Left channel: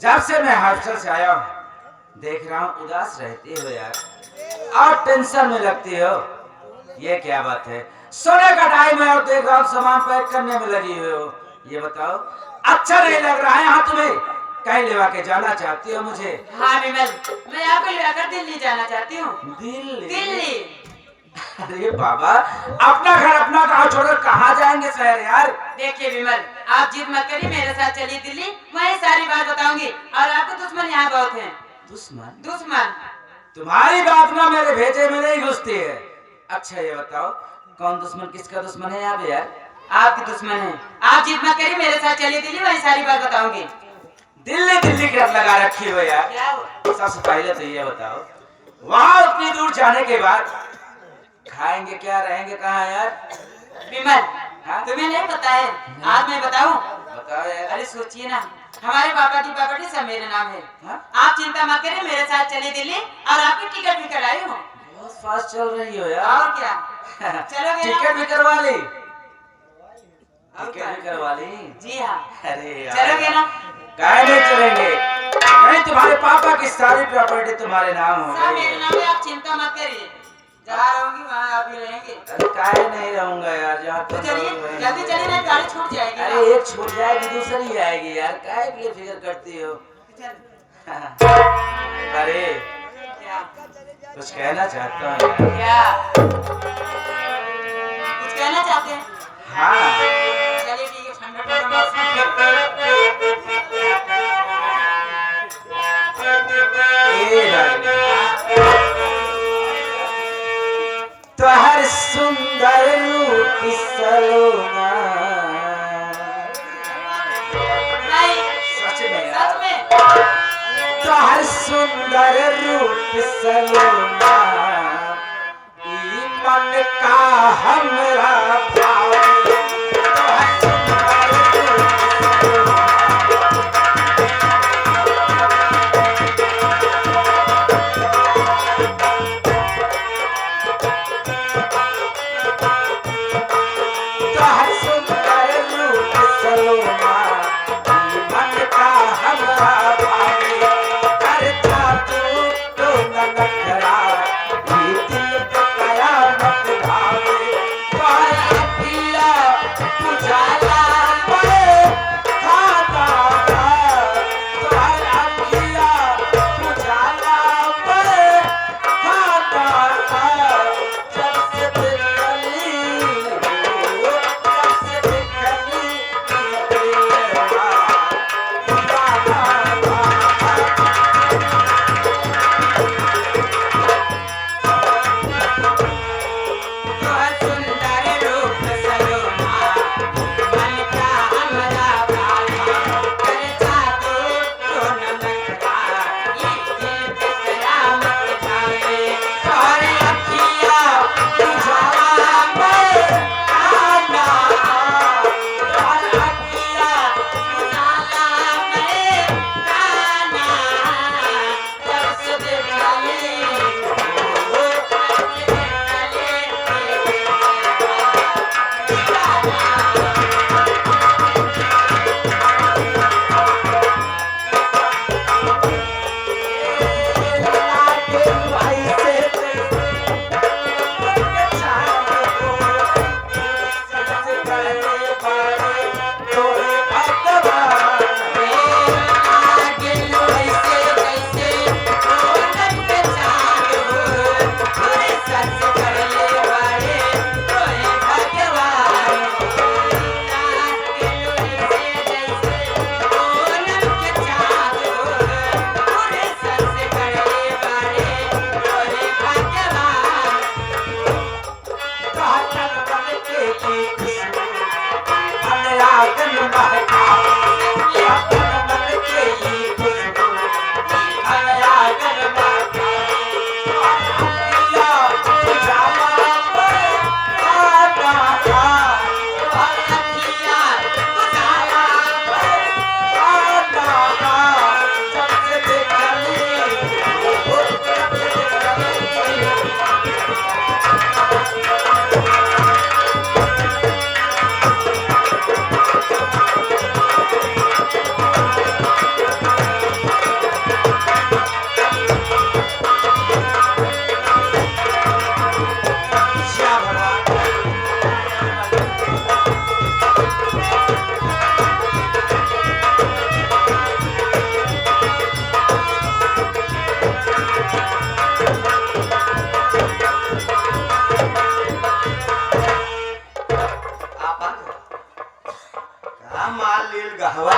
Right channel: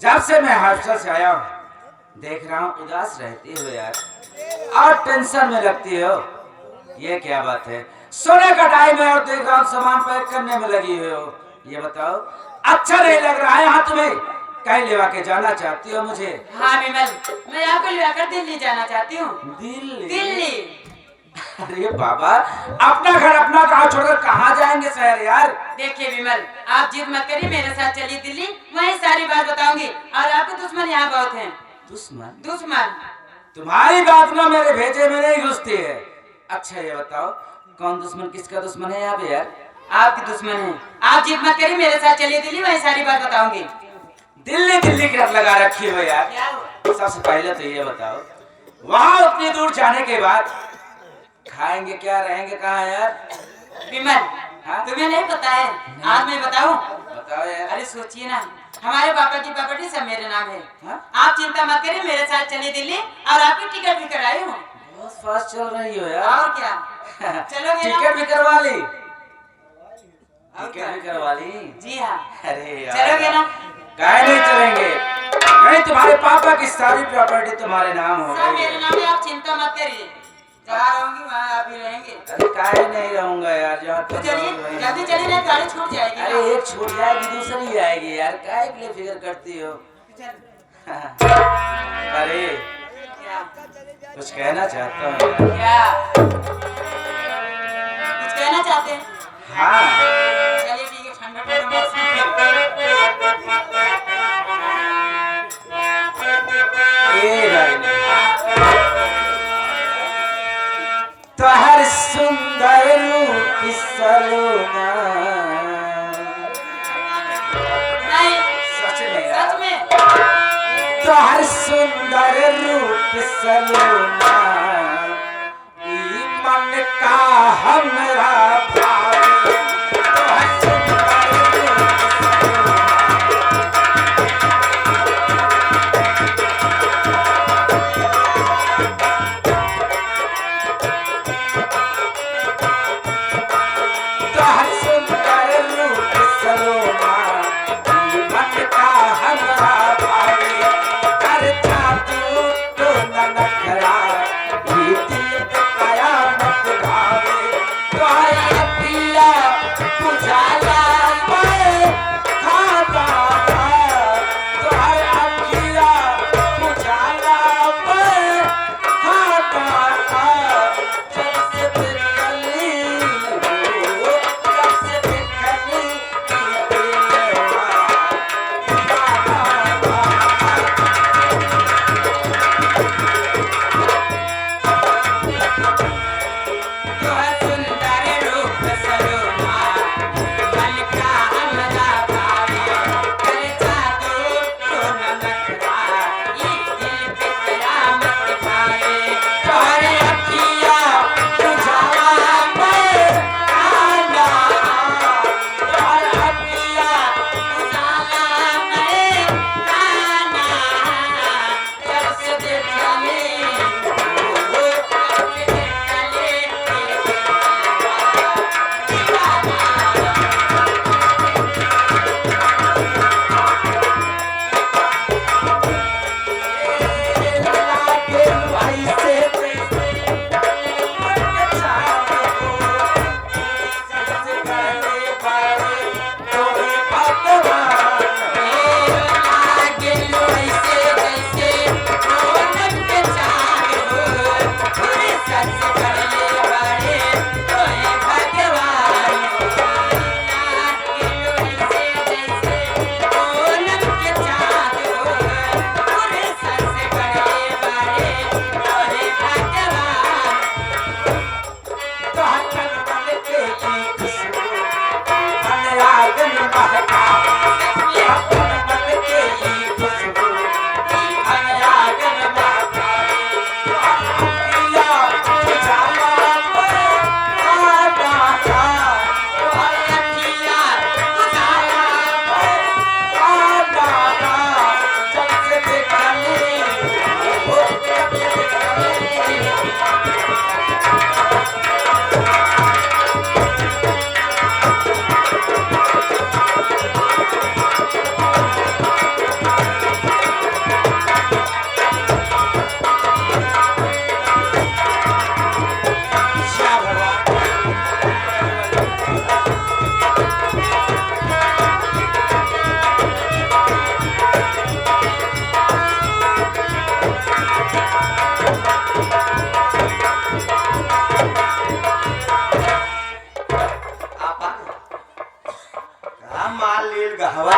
जब से मैं हॉस्टल से आया हूँ देख रहा हूँ उदास रहती हो यार और टेंशन में लगती हो। ये क्या बात है? सोने का टाइम है और देख रहा हूँ सामान पैक करने में लगी हुई हो। ये बताओ अच्छा नहीं लग रहा है यहाँ तुम्हें? कहीं लेवा के जाना चाहती हो मुझे? हाँ विमल, मैं आपको लेकर दिल्ली जाना चाहती हूँ। दिल्ली? दिल्ली? अरे बाबा, अपना घर अपना गांव छोड़कर कहाँ जाएंगे शहर यार? देखिए विमल, आप जिद मत करिए, मेरे साथ चलिए दिल्ली, वहीं सारी बात बताऊंगी। और आपके दुश्मन यहाँ बहुत हैं। दुश्मन? दुश्मन? तुम्हारी बात ना मेरे भेजे में नहीं घुसती है। अच्छा ये बताओ कौन दुश्मन किसका दुश्मन है यहाँ पे यार? आपकी दुश्मन है। आप जिद मत करिए, मेरे साथ चलिए दिल्ली, वहीं सारी बात बताऊंगी। दिल्ली दिल्ली की लगा रखी हो यार। क्या हुआ? सबसे पहले तो ये बताओ वहां उतनी दूर जाने के बाद खाएंगे क्या, रहेंगे कहाँ यार? विमल, हाँ? तुम्हें नहीं पता है? आज मैं बताऊं? बताओ यार। अरे सोचिए ना, हमारे पापा की प्रॉपर्टी सब मेरे नाम है। हाँ? आप चिंता मत करिए, मेरे साथ चलिए दिल्ली और आपकी टिकट भी कराई हूँ। बहुत फास्ट चल रही हो यार। और क्या, चलोगे ना? टिकट भी करवा ली? और टिकट भी करवा ली? जी हाँ। अरे यार, चलोगे ना? काहे नहीं चलेंगे? नहीं तुम्हारे पापा की सारी प्रॉपर्टी तुम्हारे नाम हो सब गई मेरे है। नाम है, आप चिंता मत करिए। जहाँ रहूंगी वहाँ आप भी रहेंगे। अरे काहे नहीं रहूंगा यार, जहाँ तो पे चलिए, रहोगे वहीं जल्दी रहूंगा। चलिए, नहीं गाड़ी छूट जाएगी ना। अरे एक छूट जाएगी दूसरी आएगी यार, काहे के लिए फिक्र करती हो? चल। अरे क्या? कुछ कहना चाहता हूँ यार। क्या? कुछ कहना चाहते हैं? हाँ चलिए ठीक है, ठंडा ठंडा मौसम ए रानी, तोहर सुंदर रूप सलोना। नहीं, सच में यार, सच में। तोहर सुंदर रूप सलोना ई मन का हमरा भावे। तोहर सुंदर रूप सलोना। तोहर सुंदर रूप सलोना ई मन का हमरा भावे। अरे जादू तो न नखरा ई दिल पे कयामत ढावे। तोहर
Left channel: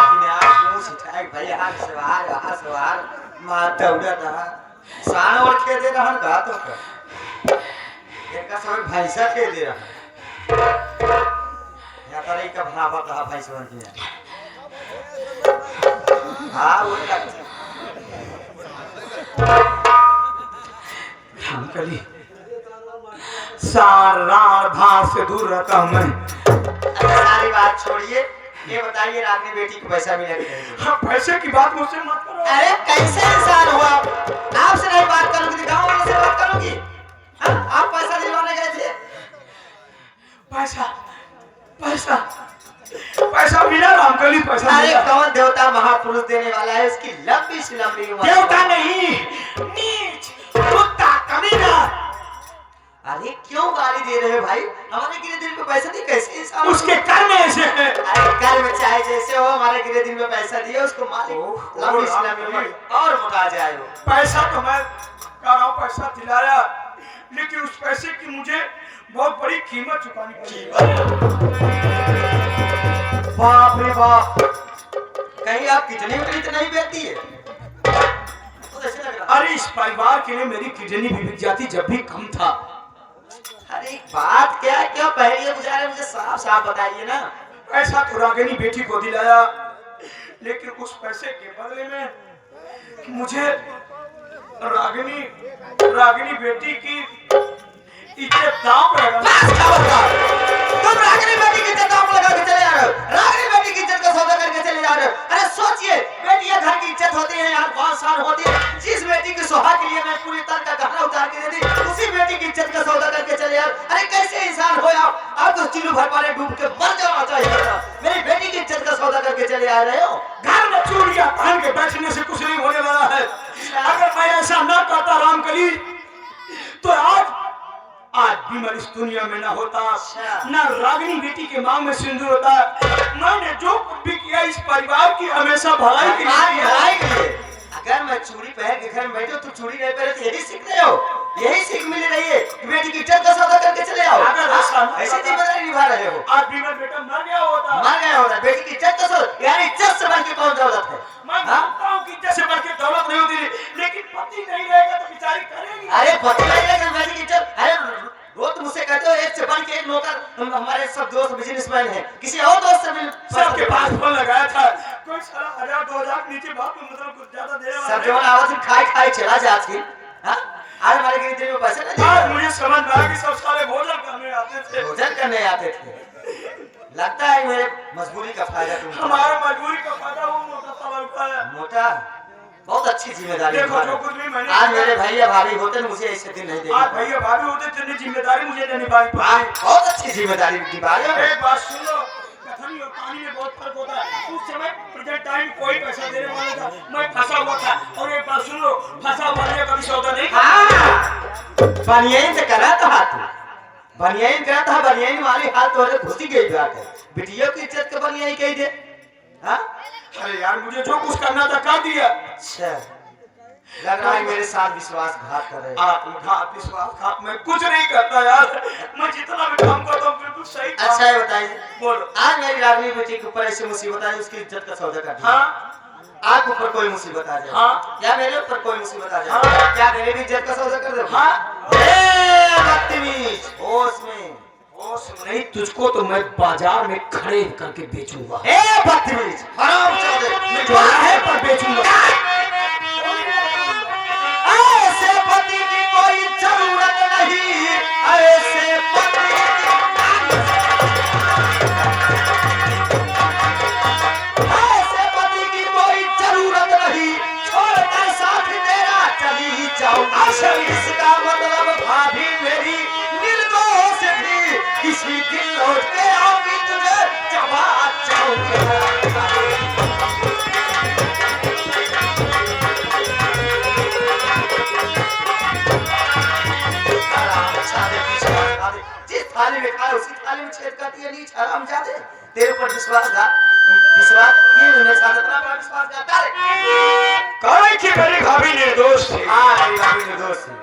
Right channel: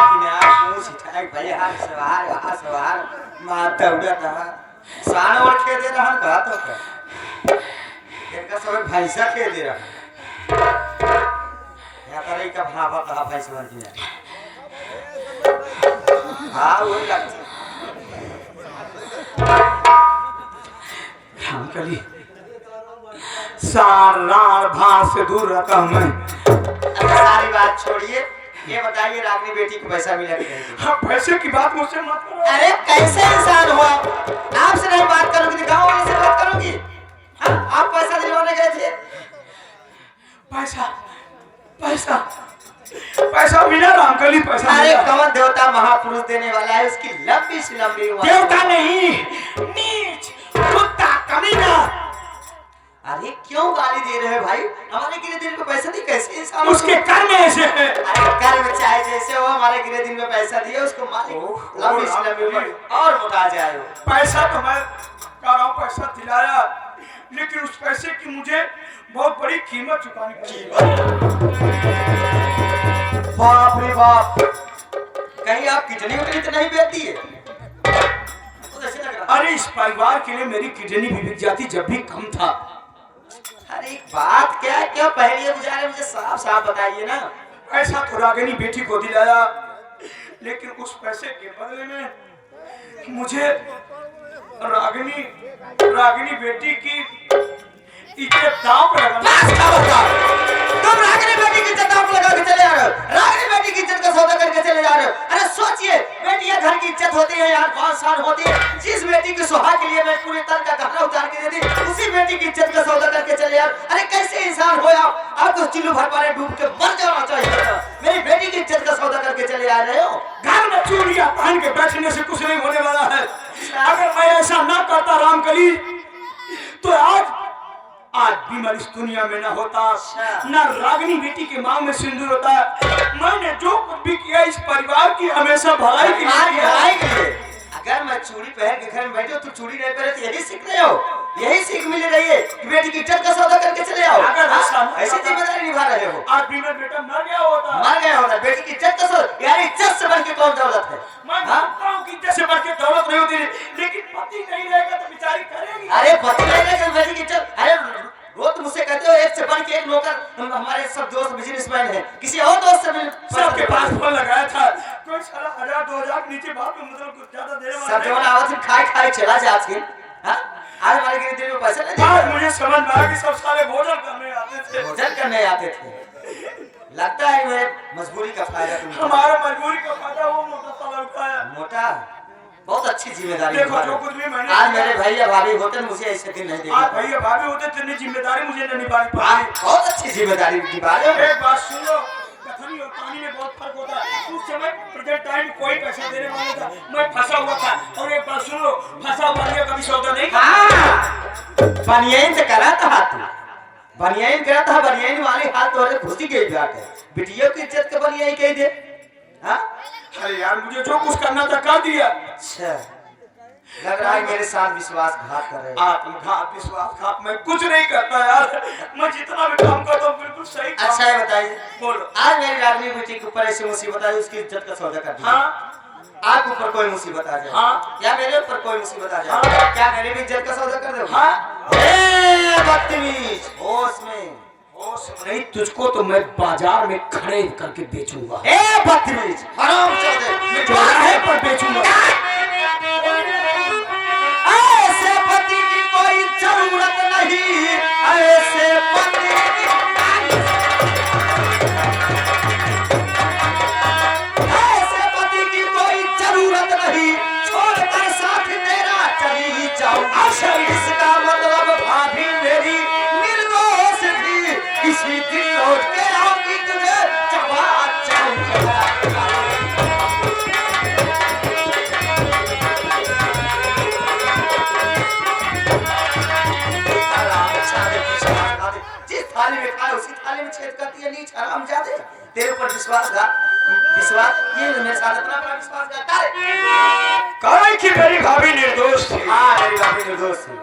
कि मैं आज पूछ उठाए भाई हाथ सवार मारते हुए रहा सान और खे दे रहा का तो का इनका सब भैंसा खे दे रहा यहाँ पर एक भावा कहा भैंस बन गया हाँ वो लगती अंकली सार रार भार से दूर रहता हूँ मैं। अच्छा सारी बात छोड़िए ये बताइए आपकी बेटी को पैसा मिला कि नहीं हाँ पैसे की बात मुझसे मत करो। अरे कैसे इंसान हो आप आपसे नहीं बात करूंगी गाँव वाले से बात करूंगी हाँ आप पैसा दिलवाने गए थे पैसा पैसा पैसा मिला ना अंकली पैसा अरे मिला। कौन देवता महापुरुष देने वाला है इसकी लंबी से लंबी उम्र देवता नहीं नीच कुत्ता कमीना। अरे क्यों गाली दे रहे हो भाई हमारे गिरे दिन में पैसा नहीं कैसे इंसान उसके कर्म ऐसे है। अरे कर्म चाहे जैसे हो हमारे गिरे दिन में पैसा दिया उसको मालिक लंबी से लंबी उम्र और मोटा जाए हो पैसा तो मैं कह रहा हूँ पैसा दिलाया लेकिन उस पैसे की मुझे बहुत बड़ी कीमत चुकानी पड़ी। बाप रे बाप कहीं आप कितनी उतनी तो नहीं बेचती है तो ऐसे लग रहा अरे इस परिवार के लिए मेरी किडनी भी बिक जाती जब भी कम था। अरे बात क्या क्या पहले गुजारे मुझे साफ साफ बताइए ना पैसा तो रागिनी बेटी को दिलाया लेकिन उस पैसे के बदले में मुझे रागिनी बेटी की इज्जत दांव पर लगाना। तुम रागिनी बेटी की इज्जत दांव लगा के चले जा रहे हो रागिनी बेटी की इज्जत का सौदा करके चले जा रहे हो अरे सोचिए बेटियां घर की इज्जत होती है यार बहुत शान होती है जिस बेटी की सुहाग के लिए मैं पूरे तन का गहना उतार के दे दी उसी बेटी की इज्जत का सौदा करके चले यार अरे कैसे इंसान हो आपको चिल्लू भर पारे डूब के मर जाना चाहिए मेरी बेटी की इज्जत का सौदा करके चले आ रहे हो घर में चूड़ियां पहन के बैठने से कुछ नहीं होने वाला है। अगर मैं ऐसा ना करता रामकली तो आज भी मैं इस दुनिया में ना होता ना रागिनी बेटी के मांग में सिंदूर होता। मैंने जो कुछ भी किया इस परिवार की हमेशा भलाई के लिए किया। अगर मैं चूड़ी पहन के घर में बैठे हो तो चूड़ी नहीं पहने तो यही सीख रहे हो यही सीख मिल रही है कि बेटी की इज्जत का सौदा करके चले आओ अगर ऐसी जिम्मेदारी निभा रहे हो आज भी मेरा बेटा मर गया होता बेटी की इज्जत का सौदा यार इज्जत से बढ़ के कौन दौलत है मैं जानता हूँ कि इज्जत से बढ़ के दौलत नहीं होती लेकिन पति नहीं रहेगा तो बेचारी करेगी। अरे पति नहीं रहेगा बेटी की इज्जत अरे रोज मुझसे कहते हो एक से बढ़ के एक नौकर हमारे सब दोस्त बिजनेसमैन है किसी और दोस्त से भी सबके पास फोन लगाया था कोई साला 1000-2000 नीचे बात में मतलब कुछ ज्यादा देने वाला सब जवान आवाज में खाए चला जा आज की आज हमारे गिरते में पैसा नहीं आज मुझे समझ में आया कि सब साले भोजन करने आते थे लगता है मेरे मजबूरी का फायदा तुम हमारे मजबूरी का फायदा वो मोटा साला उठाया मोटा बहुत अच्छी जिम्मेदारी देखो जो कुछ भी मैंने आज मेरे भैया भाभी होते मुझे ऐसे दिन नहीं आज भैया भाभी होते तो जिम्मेदारी मुझे नहीं निभानी पड़ी। बहुत अच्छी जिम्मेदारी निभा रहे हो एक बात सुन लो कथनी और कहानी में बहुत फर्क होता है। उस समय प्रेजेंट टाइम कोई पैसा देने वाला था मैं फंसा हुआ था और एक बात सुन लो फंसा हुआ है कभी सौदा नहीं करता। बनियाइन से करा था हाथ बनियाइन करा था बनियाइन वाली हाथ तो घुसी गई बात है बिटियों की इज्जत के बनियाइन कह दे हाँ अरे यार मुझे जो कुछ करना था कर दिया। अच्छा लग रहा है मेरे साथ विश्वासघात कर रहे हो आत्मघात विश्वासघात मैं कुछ नहीं करता यार मैं जितना भी काम करता हूँ बिल्कुल सही। अच्छा ये बताइए बोलो आज मेरी रागिनी बेटी के ऊपर ऐसी मुसीबत आई उसकी इज्जत का सौदा कर दिया हाँ आपके ऊपर कोई मुसीबत आ जाए हाँ या मेरे ऊपर कोई मुसीबत आ जाए हाँ। क्या मेरी भी इज्जत का सौदा कर दोगे हाँ बदतमीज होश में नहीं तुझको तो मैं बाजार में खड़े करके बेचूंगा। ए बदतमीज हराम चौधरी चौराहे पर बेचूंगा। ऐसे पति की कोई जरूरत नहीं ऐसे पति की कोई जरूरत नहीं छोड़कर साथ तेरा चली जाऊं अच्छा इसका मतलब भाभी मेरी निर्दोष थी किसी दिन लौट के आऊंगी तुझे चबा जिस थाली में खाए उसी थाली में छेद करती है नीच हराम जाते तेरे ऊपर विश्वास ये मेरे साथ इतना बड़ा विश्वासघात करे कि मेरी भाभी निर्दोष थी। हाँ मेरी भाभी निर्दोष थी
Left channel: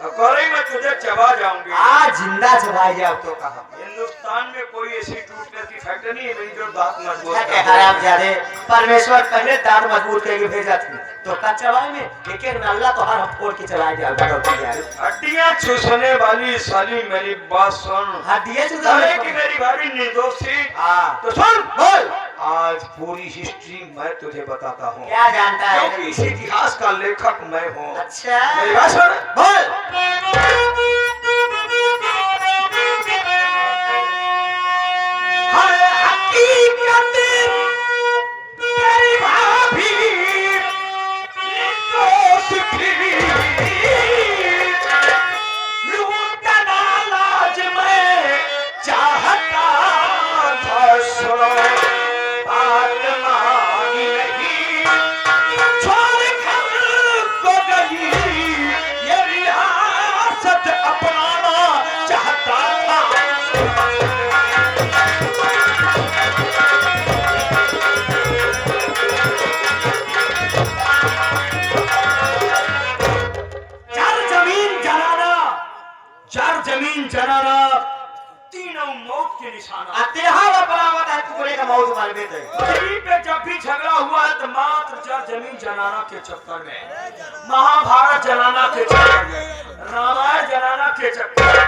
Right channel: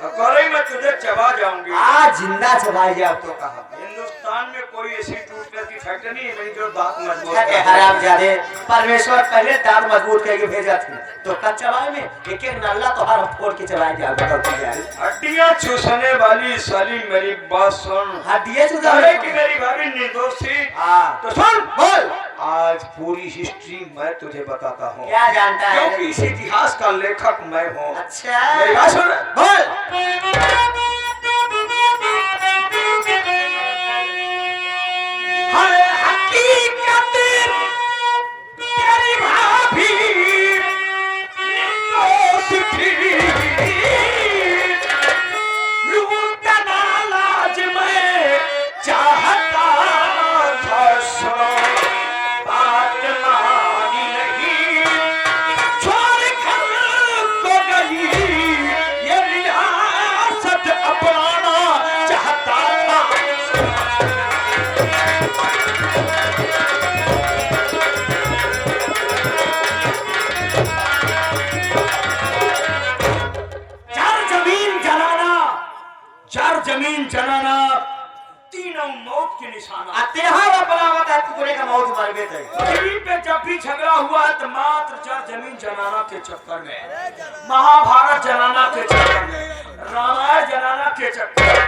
अब करे मैं तुझे चबा जाऊंगी। आज जिंदा चबाई अब तो कहा हिंदुस्तान में कोई ऐसी टूटने की फैक्ट्री नहीं है मेरी जो दांत मजबूत अरे कर हरामजादे, परमेश्वर पहले दांत मजबूत करके भेजा थी तो कब चलाए में एक एक नल्ला तो हर फोड़ के चलाए दिया भगवती यार। हड्डियां चूसने वाली साली मेरी बात सुन। हड्डियां चूसा अरे कि मेरी भाभी निर्दोष थी हाँ तो सुन बोल आज पूरी हिस्ट्री मैं तुझे बताता हूँ क्या जानता है क्योंकि इस इतिहास का लेखक मैं हूँ। अच्छा मेरी बात सुन बोल जमीन जनाना तीनों मौत के निशाना। अत्याहार अपनावत है पूरे का मौत मार में थे जमीन पे जब भी झगड़ा हुआ तो मात्र जड़ जमीन जनाना के चक्कर में, महाभारत जनाना के चक्कर में, रामायण जनाना के चक्कर में।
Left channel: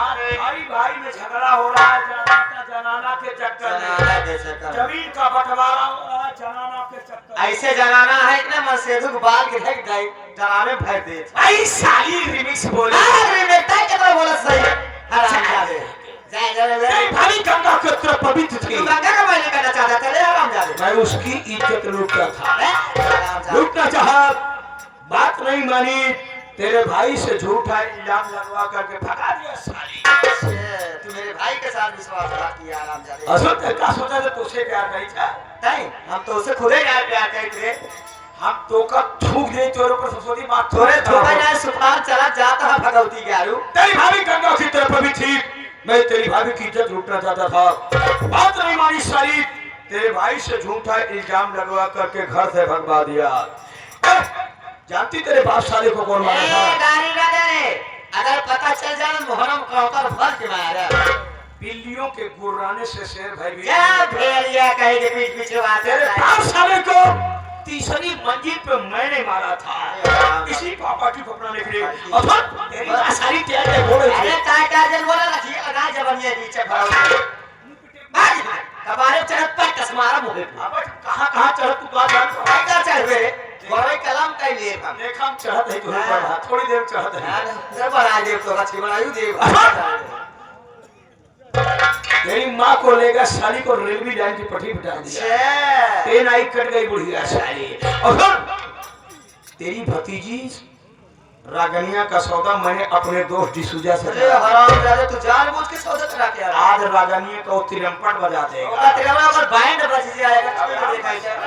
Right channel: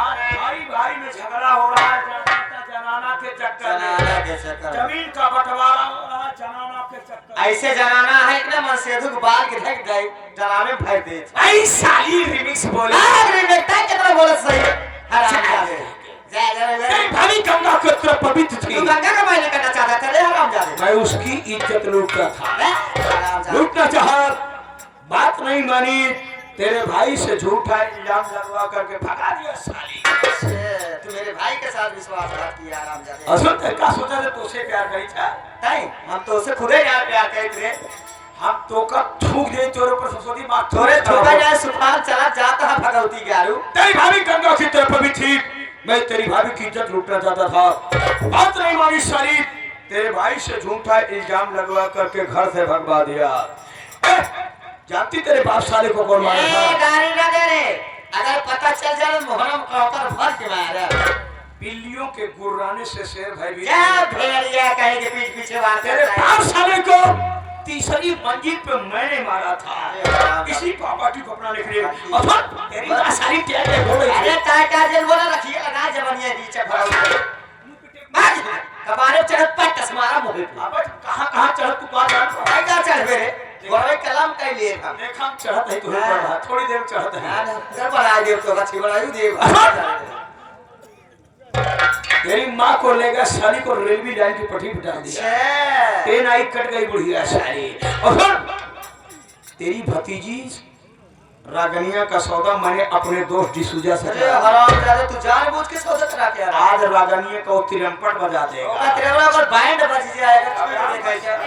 आज भाई भाई में झगड़ा हो रहा है ज्यादातर जनाना के चक्कर में। जमीन का बंटवारा हो रहा है जनाना के चक्कर में। ऐसे जनाना है कि ना मन सेधु बाल के ढक गए जनाने भर दे भाई साली रिमिक्स बोले अरे बेटा कितना बोल सही हराम जादे जय जय भाभी गंगा के तरफ पवित्र थी। तू गंगा का मायने करना चाहता चले हराम जादे मैं उसकी इज्जत लूटता था, हराम जादे लूटना चाहा, बात नहीं मानी, तेरे भाई से झूठा इल्जाम लगवा करके भगा दिया साली। तू मेरे भाई के साथ विश्वासघात किया हराम जादे असल में क्या सोचा था तुझसे प्यार करी था? नहीं हम तो उसे खुद ही यार प्यार करते थे हम तो का थूक दे तोरे पर ससुरी बात थोड़े थोड़ा जाए सुखान चला जाता है भगवती के आरू तेरी भाभी गंगा की तरफ भी थी, मैं तेरी भाभी की इज्जत लूटना चाहता था, बात नहीं मानी साली, तेरे भाई से झूठा इल्जाम लगवा करके घर से भगवा दिया। जानती तेरे बाप साले को कौन मारा था? गाड़ी ना दे रे अगर पता चल जाए मोहरम का ऊपर भर के मारा बिल्लियों के गुर्राने से शेर भाई भी क्या भेड़िया कहीं के पीछे पीछे बात तेरे करता है बाप साले को तीसरी मंजिल पे मैंने मारा था, इसी प्रॉपर्टी को अपनाने के लिए। अब तेरी सारी तैयारी हो रही अरे है। टाइटर बोला रखिए लगा जबनिया नीचे भाग भाग कपारे चढ़त पर कसमारा मुहे अब कहाँ चढ़ तू बात जान तो भाई का चढ़ रे बड़े कलम का लिए था देखा हम चढ़त है तुम्हें पढ़ा थोड़ी देर चढ़त है। सर बना दे तो बच्चे बनायू दे तेरी माँ को लेकर साली को रेलवे लाइन की पटरी बिठा दिया, ट्रेन आई कट गई बुढ़िया साली। और फिर तेरी भतीजी रागनिया का सौदा मैंने अपने दोस्त डिसूजा से अरे हरामजादे तू जानबूझ के सौदा करा के आ रहा आज रागनिया को तिरंपट बजा देगा। है तेरा अगर बैंड बज जाएगा तो मैं देखा जाए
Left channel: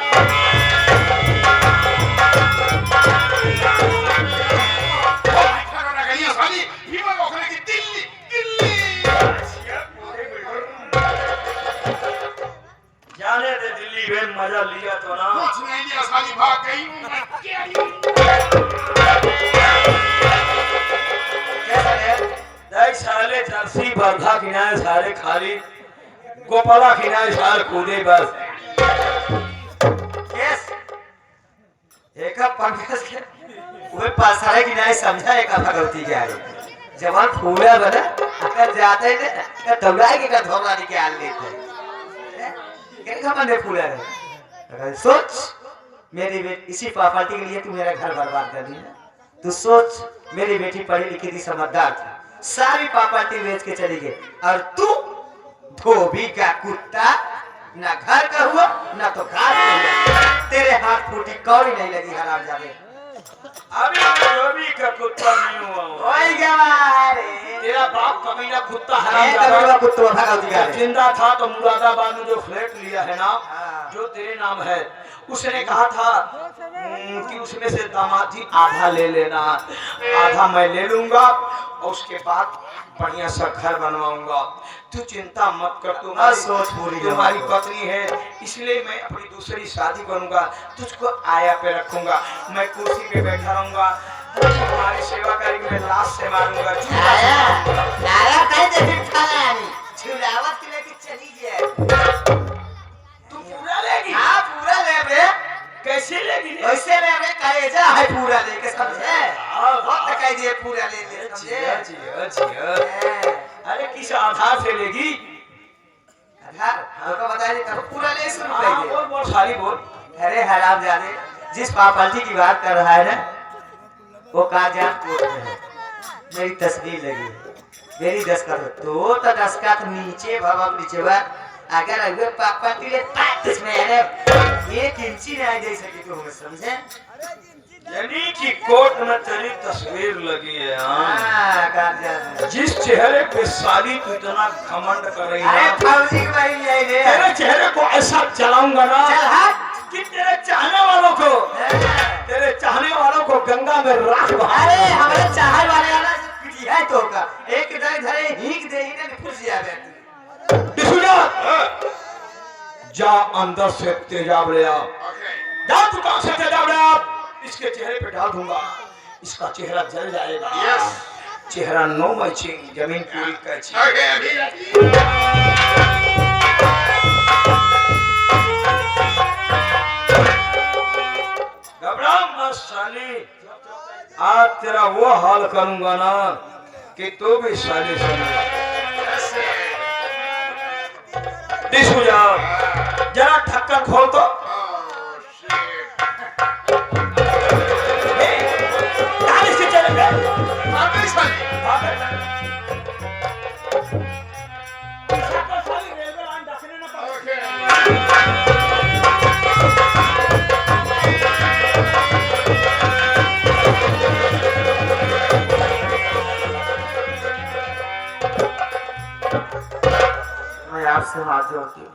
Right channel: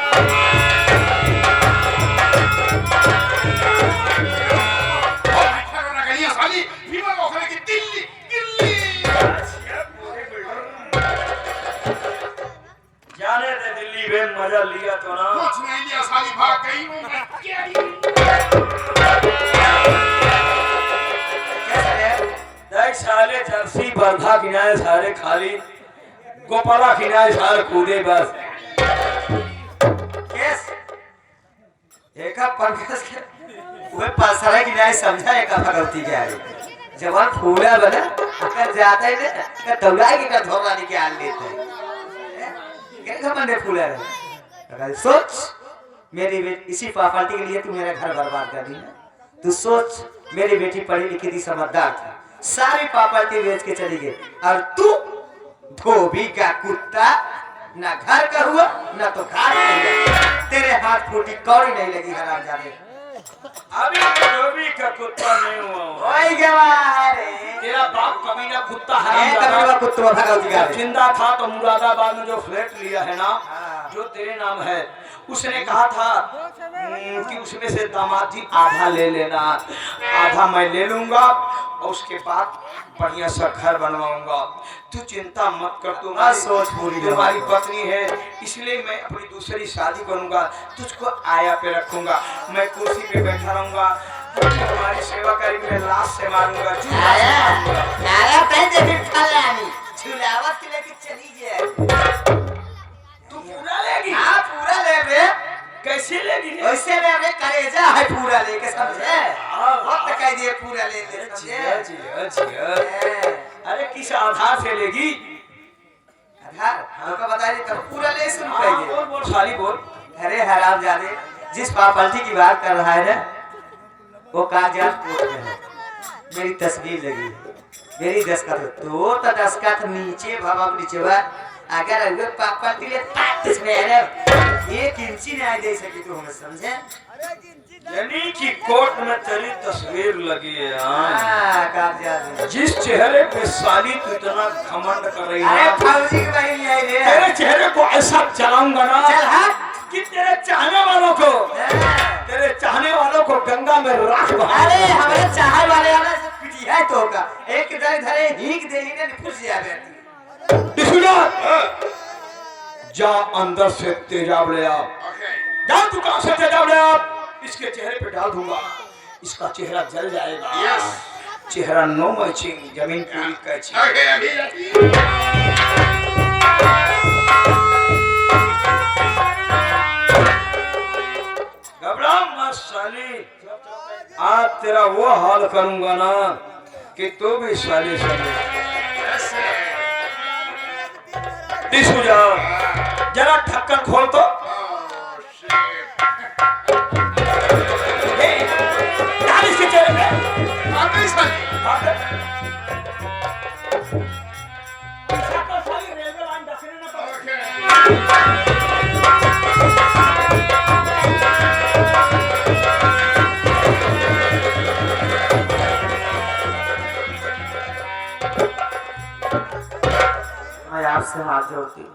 जाने दे दिल्ली में मजा लिया तो ना कुछ नहीं लिया साली भाग गई देख साले जर्सी बंधा किनारे साले खाली गोपाला किनारे साल कूदे बस। यस एक पंकज के वो पासरे की नहीं समझा एक गलती क्या है जवान फूला बना अगर जाता है ना तो दौड़ा के का धोना निकाल लेते हैं क्या बंदे फूला रहे सोच मेरी बेटी इसी प्रॉपर्टी के लिए तू मेरा घर बर्बाद कर दी ना तू सोच मेरी बेटी पढ़ी लिखी थी समझदार थी सारी प्रॉपर्टी बेच के चली गई और तू धोबी का कुत्ता ना घर का हुआ ना तो घाट का हुआ तेरे हाथ फूटी कौड़ी नहीं लगी हराम जाने अभी धोबी का कुत्ता नहीं हुआ हूँ। ओए गवा रे तेरा बाप कमीना कुत्ता ए हराम कबीरा कुत्ता भगवती का जब जिंदा था तो मुरादाबाद में जो फ्लैट लिया है ना जो तेरे नाम है उसने कहा था कि उसमें से दामाद जी आधा ले लेना, आधा मैं ले लूंगा और उसके बाद बढ़िया सा घर बनवाऊंगा। तू चिंता मत कर, तुम्हारी सोच पूरी तुम्हारी पत्नी है इसलिए मैं अपनी दूसरी शादी करूंगा, तुझको आया पे रखूंगा, मैं कुर्सी पे बैठा रहूंगा, तुम्हारी सेवा करेंगे, मैं लाश से मारूंगा। नारा कहीं देखी फलानी झुलावत के लेके चली जाए। तू पूरा लेगी? हाँ पूरा ले रे। कैसे लेगी? वैसे में हमें कलेजा है पूरा लेके समझे। वक्त कह दिए पूरा ले ले समझे। जिया जिया। अरे किस आधार से लेगी? आधार तो बताइए तब पूरा ले शुरू कर दिए। बोल बोल साली बोल। अरे हरामजादे जिस प्रॉपर्टी की बात कर रहा है ना वो कागजात कोर्ट में है। मेरी तस्वीर लगी है, मेरी दस्तखत है। तो दस्तखत नीचे भवन नीचे बा अगर हुए प्रॉपर्टी ले इसमें अरे 1 इंची नहीं दे सकी तो हमें समझे। यानी कि कोर्ट में तेरी तस्वीर लगी है। हाँ कागजात में। जिस चेहरे पे साली तू इतना घमंड कर रही अरे है, फौजी की भाई ले ले। तेरे चेहरे को ऐसा चलाऊंगा ना चल हट। कि तेरे चाहने वालों को गंगा में राख बहा। अरे हमारे चाहने वाले वाला से पिटिया है तो का एक जगह धरे हीक दे ही ने फुस जा बैठी। जा अंदर से तेजाब ले आ। Okay. जा दुकान से तेजाब ले आ। इसके चेहरे पे डाल दूंगा, इसका चेहरा जल जाएगा। Yes. चेहरा नो मैचिंग, जमीन पूरी कैची। Okay, अभी घबरा मत साली, आज तेरा वो हाल करूंगा ना कि तू भी साली समझ। टिशू जा, जरा ढक्कन खोल तो। Oh shit. डाल इसके चेहरे पे। आगे साली। इसको साली रेलवे लाइन ढकने ना पाए। Okay. मैं आपसे माफ जोड़ती हूँ,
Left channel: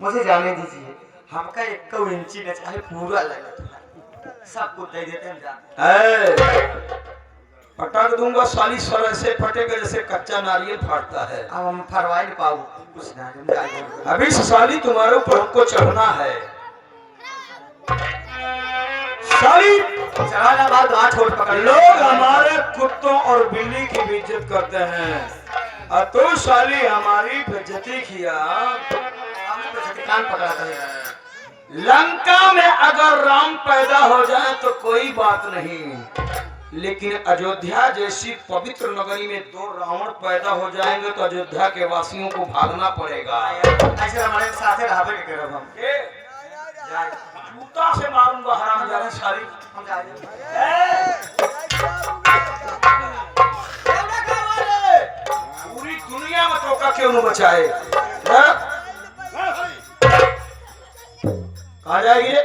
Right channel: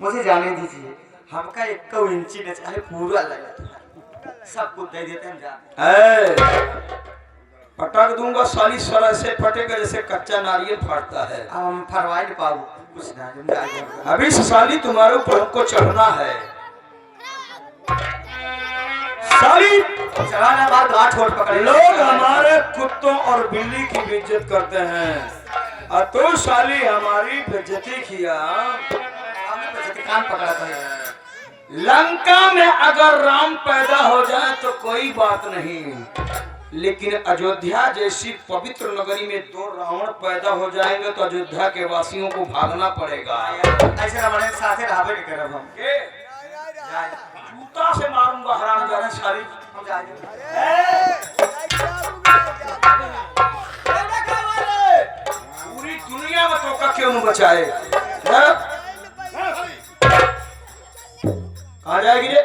मुझे जाने दीजिए। हमका 1 इंची न चाहे पूरा लगा था, सब कुछ दे देते हैं जान। पटक दूंगा साली, सर ऐसे फटेगा जैसे कच्चा नारियल फाटता है। अब हम फरवा नहीं पाओ कुछ ना हम जाएंगे। अभी से साली तुम्हारे ऊपर हमको चढ़ना है। साली सवाल बात बात छोड़ पकड़ लो। लोग हमारे कुत्तों और बिल्ली की भी इज्जत करते हैं और तो साली हमारी बेइज्जती किया। हमने तो कान पकड़ा था। लंका में अगर राम पैदा हो जाए तो कोई बात नहीं, लेकिन अयोध्या जैसी पवित्र नगरी में 2 रावण पैदा हो जाएंगे तो अयोध्या के वासियों को भागना पड़ेगा। ऐसे हमारे साथे रहबे नहीं करब हम। के जाए जूता से मारूंगा हरामजादी साली। हम जाएंगे। पूरी दुनिया में तो क्यों नहीं बचाए? कहाँ जाएगी रे?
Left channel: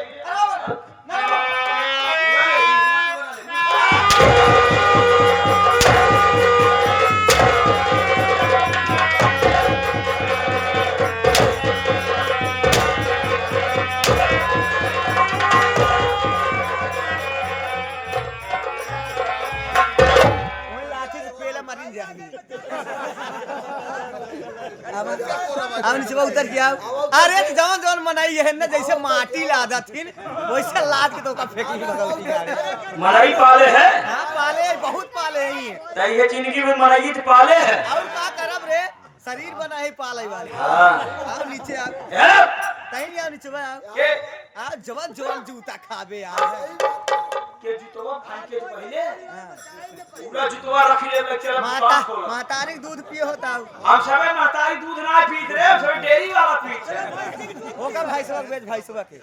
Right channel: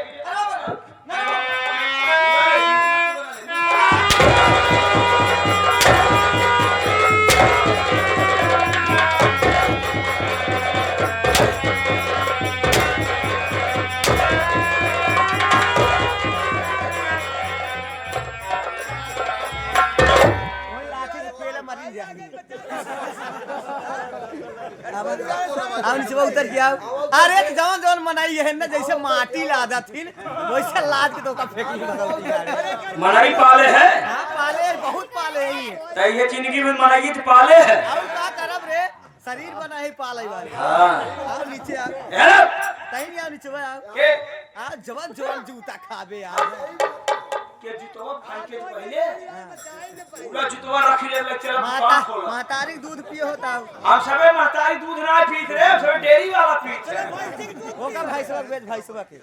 अब नीचे उतर के आओ। अरे जवन जवन मनाई है ना जैसे माटी लादा थी वैसे लाद के तो का फेंक ली भगवती यार। मनाई पाले है हां पाले बहुत पाले हैं। तो ये जिंदगी में मनाई तो पाले है। और का करब रे शरीर बना है पाले वाले। हाँ। आओ नीचे आओ। यार कहीं नहीं आओ नीचे आओ। के आ जवन जवन जूता खाबे यार। के जुतवा खान के तो पहले पूरा जुतवा रखी ले लेक्चर माता दुकान खोला। मातारी दूध पिए होता हो। हम सबे मातारी दूध ना पीत रे, हम सबे डेयरी वाला पीत है। होगा भाई सब बेच भाई सब के।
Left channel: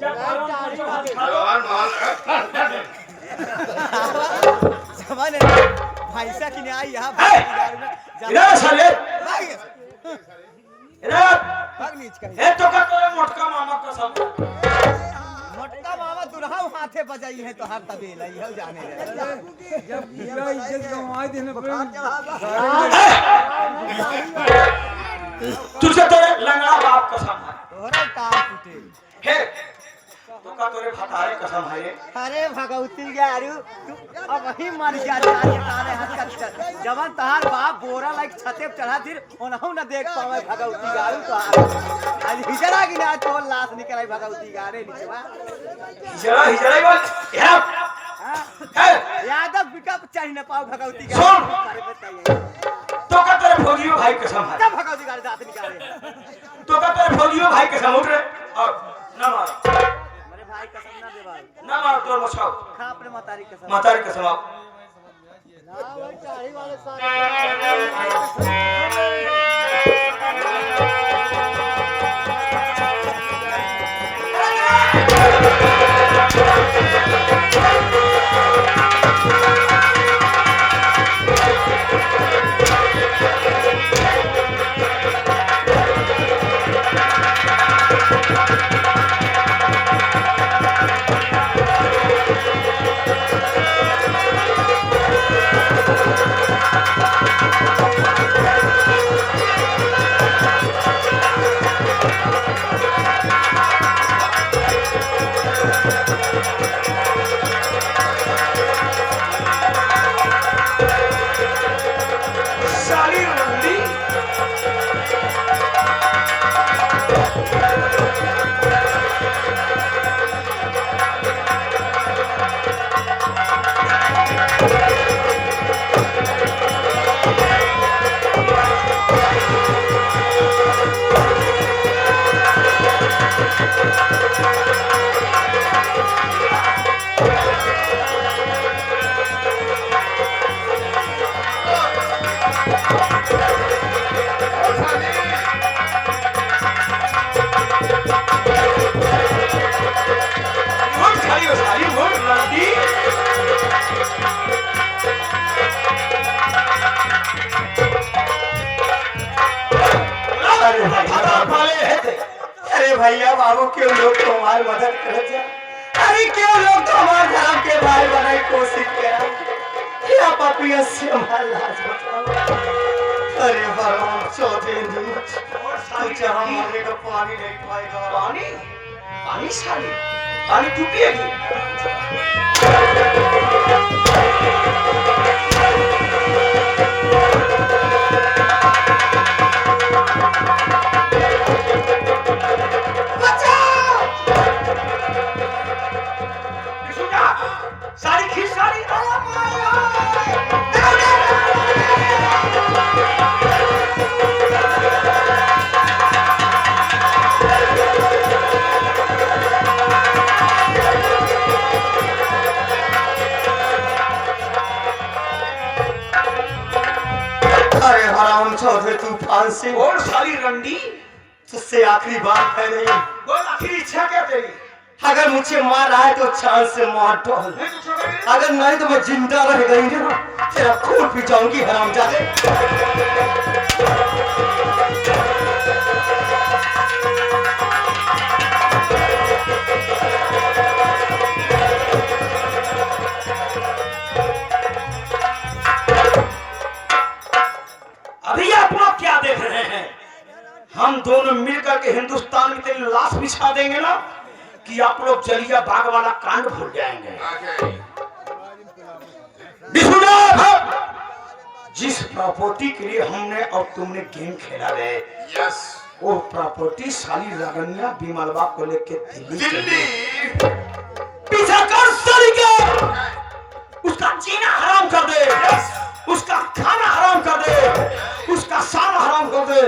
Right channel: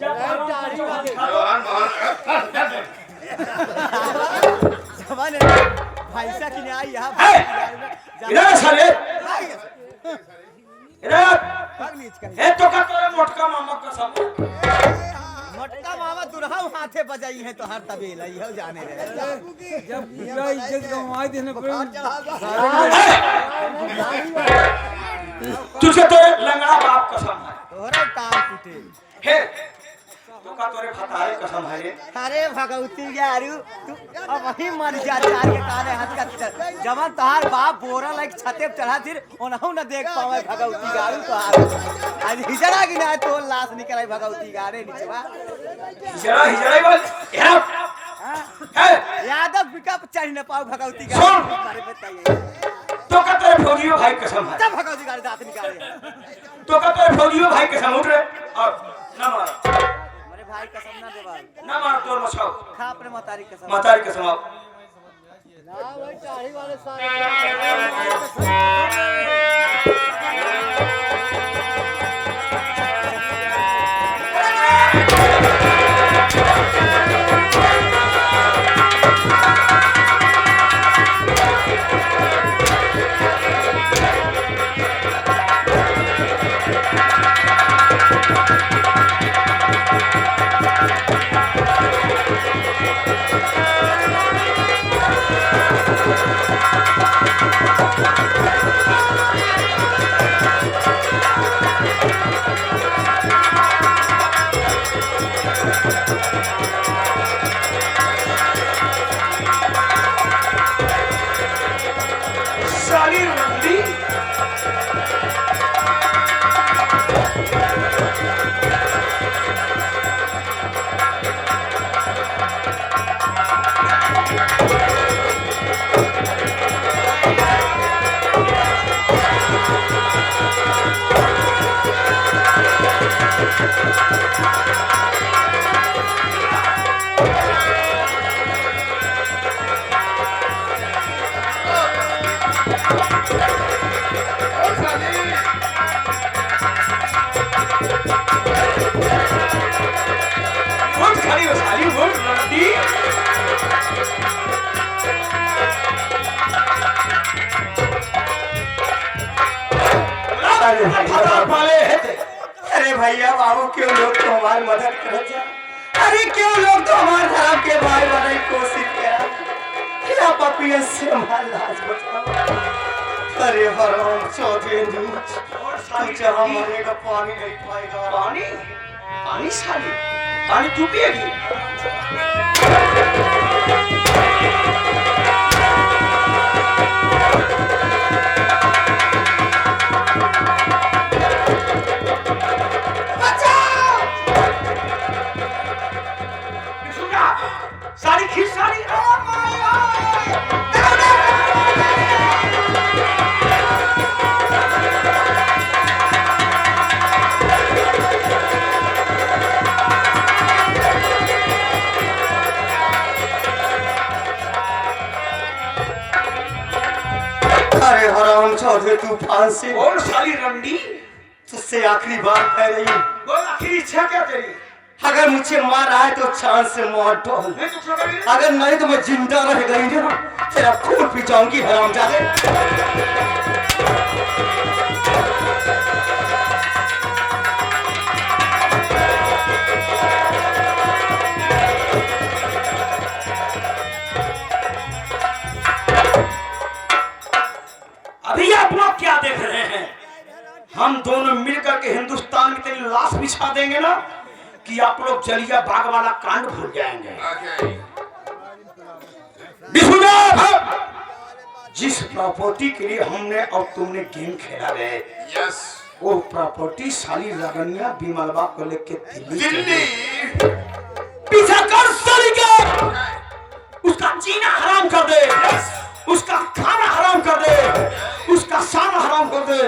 जब बालों का जो हाथ खा लो जवन भाई सा कि आई यहां इधर साले भाई इधर भाग नीच कर। ए तो का तोरा मोटका मामा कसम। मोटका मामा दुल्हा हाथे बजाई है तो हर तबेला यह जाने रहे। जब पूरा इज्जत गंवाई देने पर तुझे तो लंगड़ा बाप कसम है। तोरे कान टूटे। हे तो का तोरे फतारे कसम है ये। अरे भगवती यारू तू अब वही मर जा तारे तारे हाथ का जवन तहार बाप बोरा लाइक छते पे चढ़ा फिर ओनहु न देख पावे भगवती गारू तहार आज हिजड़ा की ना तो लाश निकले भगवती गारे नीचवा हिजड़ा बात यार है यादव पिकअप चढ़ न पाओ भगवती सुन। गारू बताइए तो का तेरे भोगियो भाई कसम है, जब भगवती गाड़ी दांत निकाले तो का तेरे भोगियो भाई कसम उठ रे और ना मारो, मेरे भाई कसम ना दे बाबू, ना मार तो मचाओ, खा अपने मतारी कसम। मतारी कसम आप ना भाई चाही वाले साहब साली रंडी बहुत सारी हो साली बहुत रंडी अरे भैया पाले है ते अरे भैया बाबू क्यों लोग तो हमारी मदद करो छे? अरे क्यों लोग तो हमारे धर्म के भाई बनाए कोशिश करा क्या पपिया से हमारा लाज बचाओ। अरे हराम चौधरी तू जहाँ मरने का पानी नहीं पाएगा। पानी पानी साली पानी तू पिएगी सुना सारी खींच सारी अरे हराम चौधरी तूफान से और साली रंडी तुझसे आखिरी बात कह रही हूँ। बोल आखिरी इच्छा क्या तेरी अगर मुझे मार आए तो चांद से मार डाल, मैं तो छोड़ूंगी अगर नहीं तो मैं जिंदा रह गई ना तेरा खून पी जाऊंगी हरामजादे। अभी आप लोग क्या देख रहे हैं हम दोनों मिलकर के हिंदुस्तान में तेरी लाश बिछा देंगे ना कि आप लोग जलिया बाग वाला कांड भूल जाएंगे विष्णुनाथ जिस प्रॉपर्टी के लिए हमने और तुमने गेम खेला है यस वो प्रॉपर्टी साली रगनिया बिमलवा को लेके दिल्ली चली दिल्ली गई। पीछा कर साली के उसका जीना हराम कर दे उसका खाना हराम कर दे उसका साना हराम कर दे